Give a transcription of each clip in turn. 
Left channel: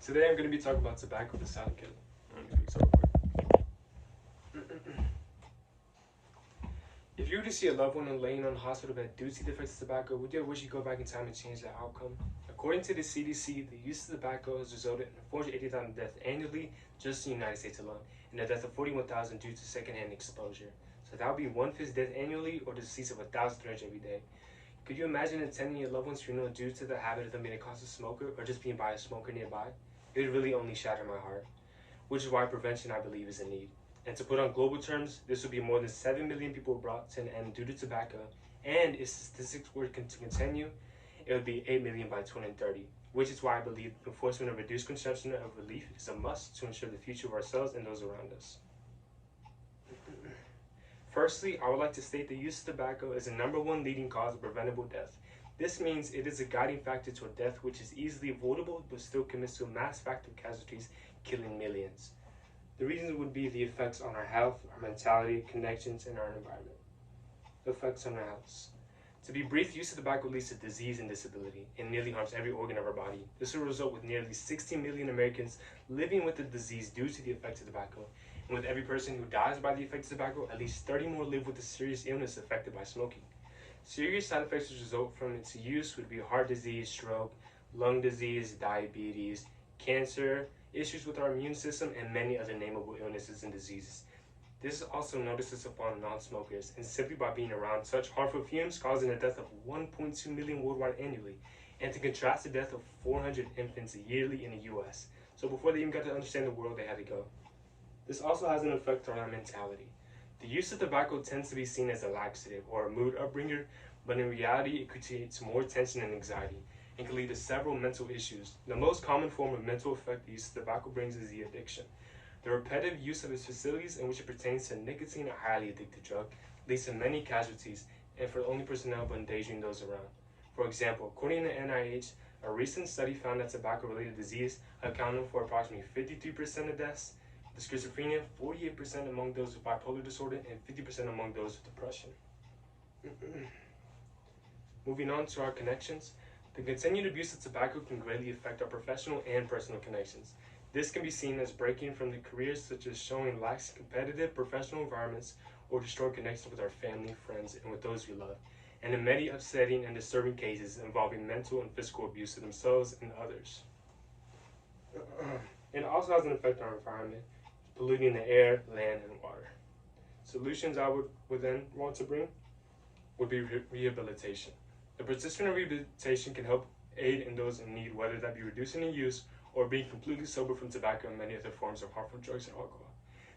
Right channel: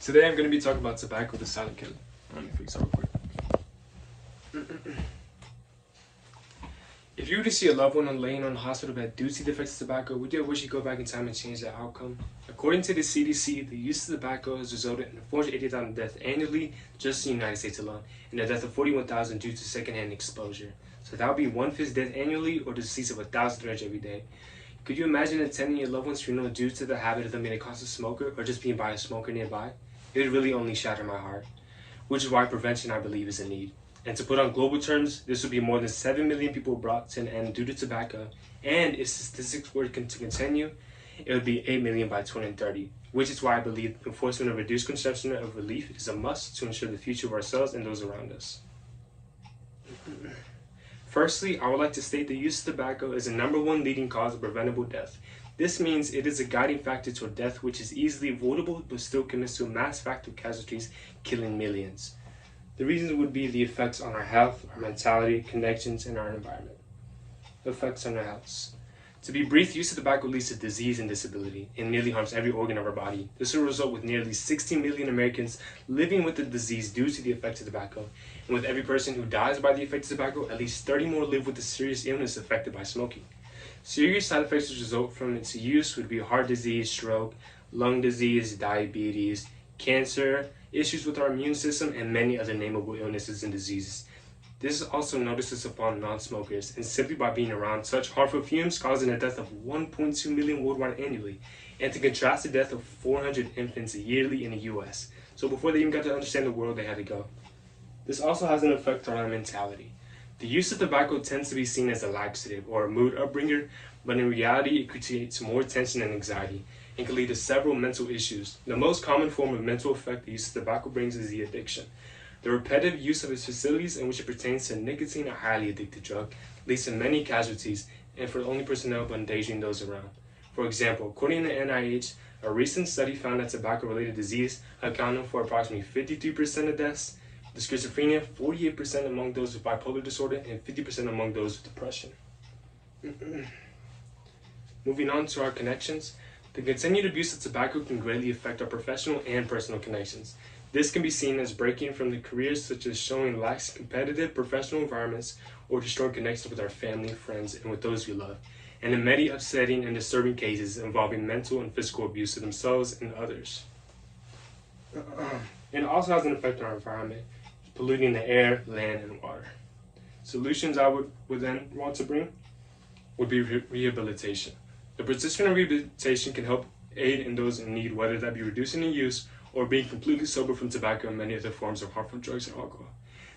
Today I'm going to be talking about tobacco, the silent killer. Let me fix that real quick. If you were to see a loved one laying on a hospital bed due to the effects of tobacco, would you wish you could go back in time and change that outcome? According to the CDC, the use of tobacco has resulted in 480,000 deaths annually just in the United States alone, and a death of 41,000 due to secondhand exposure. So that would be 1/5 death annually, or the decease of 1,000 every day. Could you imagine attending your loved one's funeral due to the habit of them being a constant smoker, or just being by a smoker nearby? It would really only shatter my heart, which is why prevention, I believe, is a need. And to put on global terms, this would be more than 7 million people brought to an end due to tobacco, and if statistics were to continue, it would be 8 million by 2030, which is why I believe enforcement of reduced consumption of relief is a must to ensure the future of ourselves and those around us. Firstly, I would like to state the use of tobacco is the #1 leading cause of preventable death. This means it is a guiding factor to a death which is easily avoidable but still commits to mass fatal casualties, killing millions. The reasons would be the effects on our health, our mentality, connections, and our environment. Effects on our health. To be brief, use of tobacco leads to disease and disability and nearly harms every organ of our body. This will result with nearly 60 million Americans living with the disease due to the effects of tobacco. And with every person who dies by the effects of tobacco, at least 30 more live with a serious illness affected by smoking. Serious side effects which result from its use would be heart disease, stroke, lung disease, diabetes, cancer, issues with our immune system, and many other nameable illnesses and diseases. This is also notices upon non-smokers, and simply by being around such harmful fumes causing a death of 1.2 million worldwide annually, and to contrast the death of 400 infants yearly in the US. So before they even got to understand the world, they had to go. This also has an effect on our mentality. The use of tobacco tends to be seen as a laxative or a mood upbringer, but in reality it creates more tension and anxiety and can lead to several mental issues. The most common form of mental effect the use of tobacco brings is the addiction. The repetitive use of its facilities in which it pertains to nicotine, a highly addictive drug, leads to many casualties, and for the only personnel but endangering those around. For example, according to NIH, a recent study found that tobacco-related disease accounted for approximately 53% of deaths, the schizophrenia, 48% among those with bipolar disorder, and 50% among those with depression. Moving on to our connections, the continued abuse of tobacco can greatly affect our professional and personal connections. This can be seen as breaking from the careers such as showing lax competitive professional environments or destroying connections with our family, friends, and with those we love, and in many upsetting and disturbing cases involving mental and physical abuse of themselves and others. It also has an effect on our environment, polluting the air, land, and water. Solutions I would then want to bring would be rehabilitation. The participant in rehabilitation can help aid in those in need, whether that be reducing the use or being completely sober from tobacco and many other forms of harmful drugs and alcohol.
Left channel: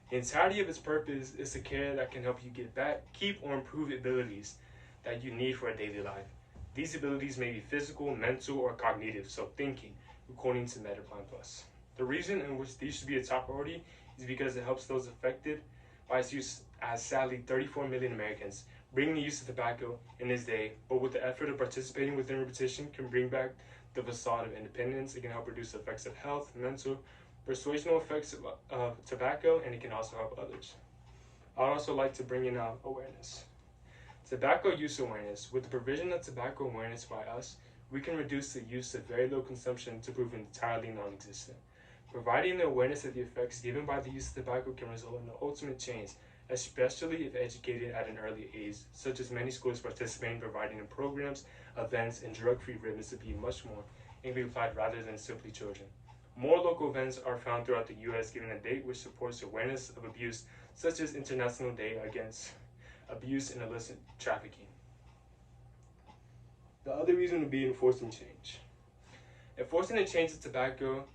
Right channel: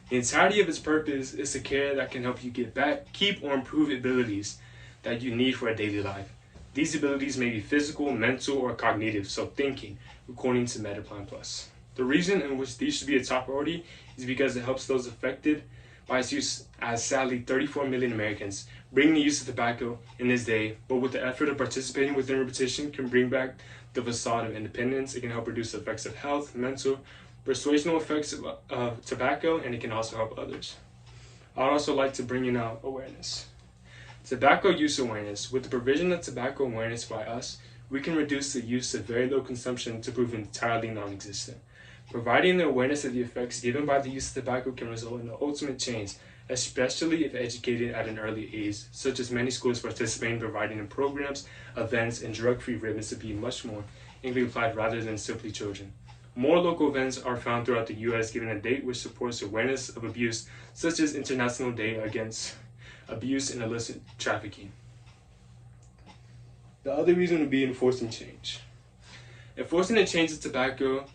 The entirety of its purpose is a care that can help you get back, keep, or improve abilities that you need for a daily life. These abilities may be physical, mental, or cognitive, so thinking, according to Metaplan Plus. The reason in which these should be a top priority is because it helps those affected by its use, as sadly 34 million Americans bring the use of tobacco in this day, but with the effort of participating within rehabilitation can bring back the facade of independence. It can help reduce the effects of health, mental, persuasional effects of tobacco, and it can also help others. I'd also like to bring in awareness. Tobacco use awareness. With the provision of tobacco awareness by us, we can reduce the use of very low consumption to prove entirely non-existent. Providing the awareness of the effects given by the use of tobacco can result in the ultimate change, especially if educated at an early age, such as many schools participate in providing in programs, events, and drug-free ribbons to be much more and can be applied rather than simply children. More local events are found throughout the U.S. giving a date which supports awareness of abuse, such as International Day Against Abuse and Illicit Trafficking. The other reason would be enforcing change. Enforcing the change of tobacco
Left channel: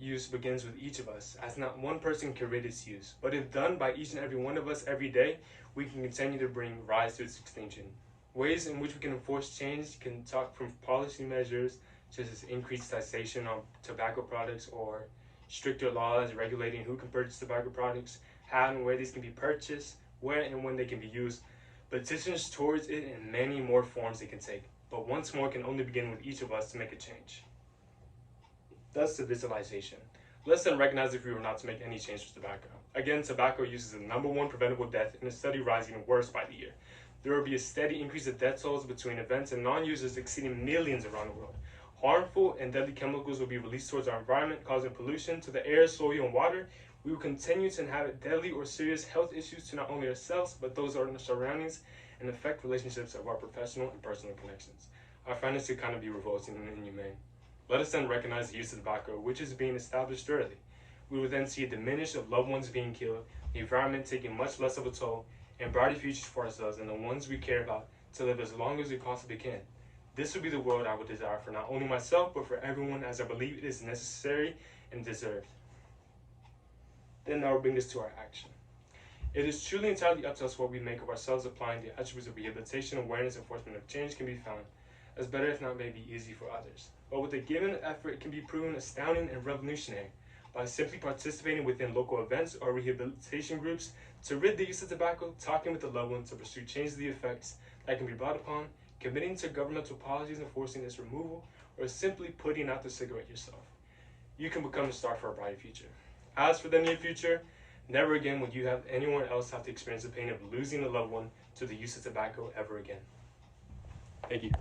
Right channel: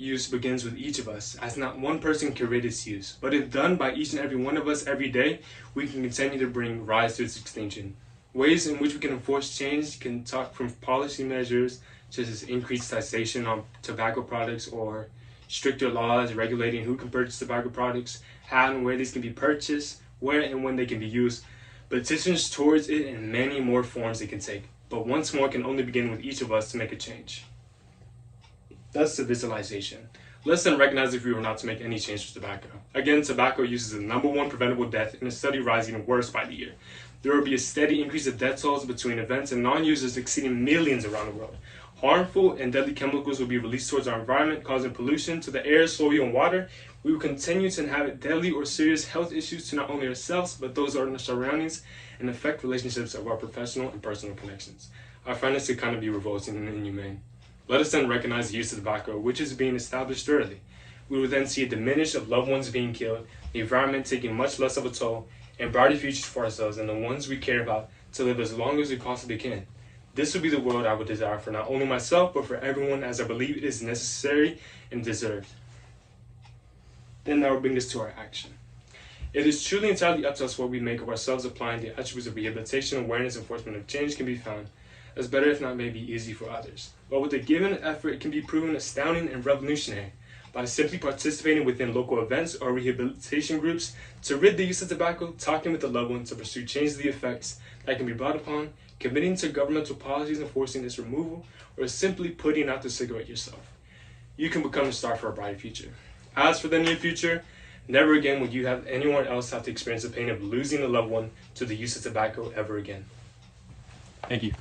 use begins with each of us, as not one person can rate its use, but if done by each and every one of us every day, we can continue to bring rise to its extinction. Ways in which we can enforce change can talk from policy measures such as increased taxation on tobacco products or stricter laws regulating who can purchase tobacco products, how and where these can be purchased, where and when they can be used, petitions towards it, and many more forms it can take. But once more can only begin with each of us to make a change. Thus the visualization. Let's then recognize if we were not to make any change to tobacco. Again, tobacco use is the #1 preventable death, and a study rising worse by the year. There will be a steady increase of death tolls between events and non-users exceeding millions around the world. Harmful and deadly chemicals will be released towards our environment, causing pollution to the air, soil, and water. We will continue to inhabit deadly or serious health issues to not only ourselves, but those in our surroundings, and affect relationships of our professional and personal connections. I find this to kind of be revolting and inhumane. Let us then recognize the use of tobacco, which is being established early. We will then see a diminish of loved ones being killed, the environment taking much less of a toll, and brighter futures for ourselves and the ones we care about to live as long as we possibly can. This will be the world I would desire for not only myself, but for everyone, as I believe it is necessary and deserved. Then that will bring us to our action. It is truly entirely up to us what we make of ourselves. Applying the attributes of rehabilitation, awareness, enforcement of change can be found as better, if not maybe easy, for others. But with a given effort, it can be proven astounding and revolutionary. By simply participating within local events or rehabilitation groups to rid the use of tobacco, talking with a loved one to pursue change of the effects that can be brought upon, committing to governmental policies enforcing its removal, or simply putting out the cigarette yourself, you can become a star for a bright future. As for the near future, never again will you have anyone else have to experience the pain of losing a loved one to the use of tobacco ever again. Thank you.